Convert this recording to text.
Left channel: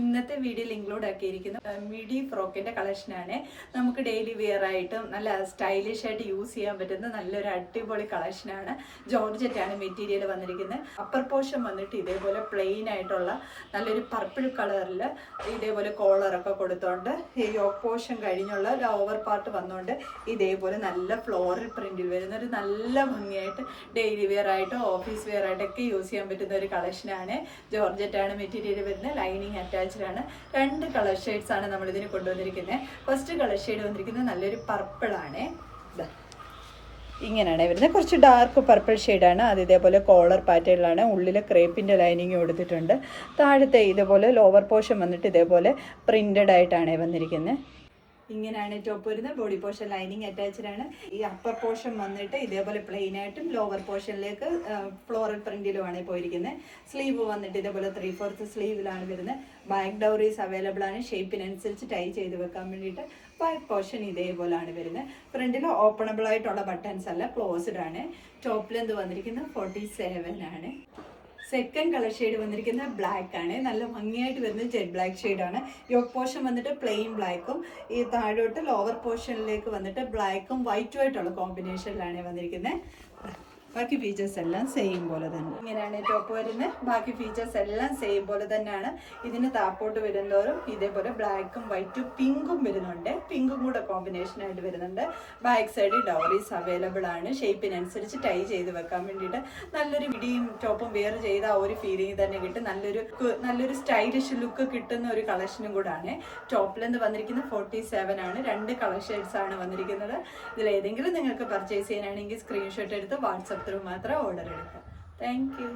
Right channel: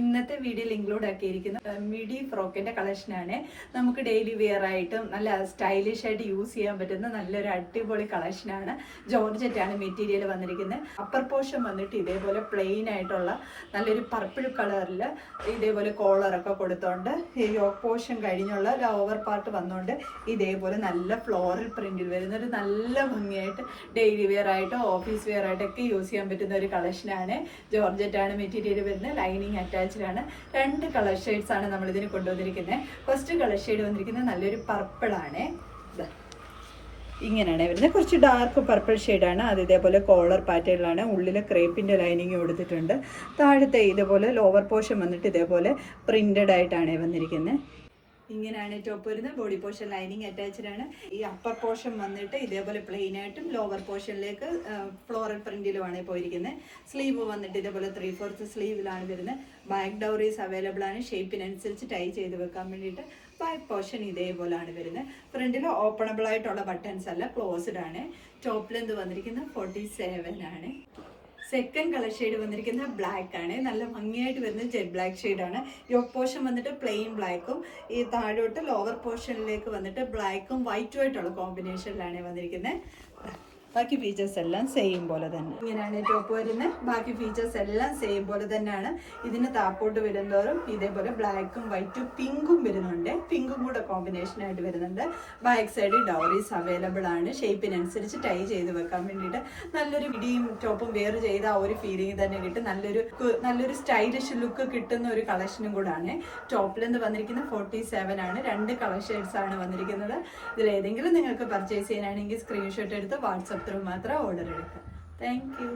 ഇന്നത്തെ വീഡിയോയിൽ include ആക്കിയിരിക്കുന്ന midi ഫ്രോക്കിന്റെ കളക്ഷനാണ്. നമുക്ക് ഡെയിലി വെയർ ആയിട്ടും നല്ല സ്റ്റൈലിഷ് ആയിട്ട് യൂസ് ചെയ്യാൻ പറ്റുന്ന നല്ലൊരു അടിപൊളി കളക്ഷനാണ്. ജോർജറ്റ് ആണ് മെറ്റീരിയൽ വന്നിരിക്കുന്നത്. അപ്പർ പോർഷൻ വന്നിട്ട് ഇതേപോലെ പ്ലെയിൻ ആയിട്ടുള്ള നല്ലൊരു പർപ്പിൾ കളറിൽ ഇതേപോലെ കോളറൊക്കെ കൊടുത്തോണ്ട് യോക്ക് പോർഷൻ കഴിഞ്ഞുള്ള ലോവർ പാർട്ട് വന്നുകൊണ്ട് ഇതേപോലെ നല്ല ഫ്ലോറൽ പ്രിന്റിൽ വരുന്ന ഒരു നല്ല ഭംഗിയായിട്ട് ഡെയിലി വെയർ ആയിട്ടും ഓഫീസ് വെയർ ആയിട്ടൊക്കെ യൂസ് ചെയ്യാൻ പറ്റുന്ന ഒരു കളക്ഷനാണ്. ജോർജറ്റ് ആണ് മെറ്റീരിയൽ വരുന്നത്. ലൈനിങ് അറ്റാച്ച്ഡ് ആണ്. 2 കളർ ഷെയ്ഡ്സ് ആണ് നമ്മൾ ഇതിന് കൊണ്ടുവന്നിരിക്കുന്നത്. ഫസ്റ്റ് കളർ ഷെയ്ഡ് വന്നിരിക്കുന്നത് നല്ലൊരു പർപ്പിൾ ആണ്. ഇങ്ങനെയാണ് വരുന്നത്. കുറച്ച് ഡാർക്ക് പർപ്പിൾ ഷെയ്ഡാണ്. അത് ഇതേപോലെ കോളർ പാറ്റേണിലാണ്. ഉള്ളിൽ ക്രേപ്പിൻ്റെ ലൈനിങ് കൊടുത്തിട്ടുണ്ട്. താഴത്തെ ഇതുപോലെ ലോവർ പോർഷൻ വന്നിട്ട് ഇതേപോലെ പ്രിന്റഡ് ആയിട്ടാണ് വന്നിരിക്കുന്നത്. ഇങ്ങനെയാണ് ടോപ്പ് വരുന്നത്. ബോഡി പോർഷൻ ലൈനിങ് അറ്റാച്ച്ഡ് ആണ്. ഈ അപ്പർ പോർഷൻ വന്നിട്ട് ഇതേപോലെ പ്ലെയിൻ ആയിട്ടും ലോവർ പോർഷനിലേക്ക് ഫ്ലോറൽ പ്രിന്റിലുമാണ് പോയിരിക്കുന്നത്. സ്ലീവ് വന്നിട്ട് ഇതേപോലെ 3/4 സ്ലീവിലാണ് വരുന്നത്. ബാക്ക് ഡൗറീസ് അവൈലബിൾ ആണ്. ഷേപ്പിനനുസരിച്ച് ടൈ ചെയ്ത് വെക്കാൻ വേണ്ടിയിട്ട്. ബാക്ക് പോർഷൻ ഇതേപോലെയാണ് വരുന്നത്. ഫ്രണ്ടിൽ ഓപ്പണബിൾ ആയിട്ടുള്ള ബട്ടൺസ് അല്ല, ക്ലോസ്ഡ് ആണ്. ടോപ്പ് ലെന്ത് വന്നിരിക്കുന്നത് 47 ആണ്. സെക്കൻഡ് കളർ ഷെയ്ഡ് വന്നിരിക്കുന്നത് ബ്ലാക്ക് ആണ്. നല്ല ഭംഗിയായിട്ട് വരുന്നത് ജെറ്റ് ബ്ലാക്ക് ഷെയ്ഡാണ്. യോക്ക് പോർഷൻ വന്നിട്ട് പ്ലെയിൻ ബ്ലാക്കും ഈ താഴോട്ട് ലോവർ പോർഷനിലേക്ക് വന്നിട്ട് ബ്ലാക്കും വൈറ്റും ആയിട്ടുള്ള കോമ്പിനേഷനിലാണ് വന്നിരിക്കുന്നത്. ബാക്കി ഫീച്ചേഴ്സ് എല്ലാം സെയിം പോലെ തന്നെ. ഇങ്ങനെയാണ് ടോപ്പ് വരുന്നത്. ബാക്കി ഫീച്ചേഴ്സ് എല്ലാം സെയിം പോലെ തന്നെയാണ്. ഇതിന് താപ്പോട്ട് വരുന്നതോറും ഇതേപോലെ ബ്ലാക്കും വൈറ്റും പിങ്കും വരുന്നുണ്ട്. പിങ്കും കൂടെ കോമ്പിനേഷൻ ആയിട്ട് വരുന്നുണ്ട്. ബാക്ക് സൈഡ് ഡൗറീസ് അവൈലബിൾ ആണ്. ഷേപ്പിനനുസരിച്ച് ടൈ ചെയ്ത് വെക്കാൻ വേണ്ടിയിട്ട് നല്ലൊരു മിഡിയും ടോപ്പും വെയർ ചെയ്ത ആ ഒരു ഫീലിംഗ് തന്നെ കിട്ടും. നല്ലൊരു സ്റ്റൈലിഷ് ലുക്ക് കിട്ടുന്ന ഒരു കളക്ഷനും കൂടാണ്. ടോപ്പിൽ നിന്ന് വന്നിരിക്കുന്നത് 47 ആണ്. 2 കളർ ഷെയ്ഡ്സ് ആണ് വന്നിരിക്കുന്നത്. ഇതിലേതെങ്കിലും നിങ്ങൾക്ക് പർച്ചേസ് ചെയ്യാനാണെങ്കിൽ സ്ക്രീൻഷോട്ട് എടുത്ത് വാട്സപ്പ് ത്രൂ മാത്രം ഓർഡർ എടുക്കാം. Thank you.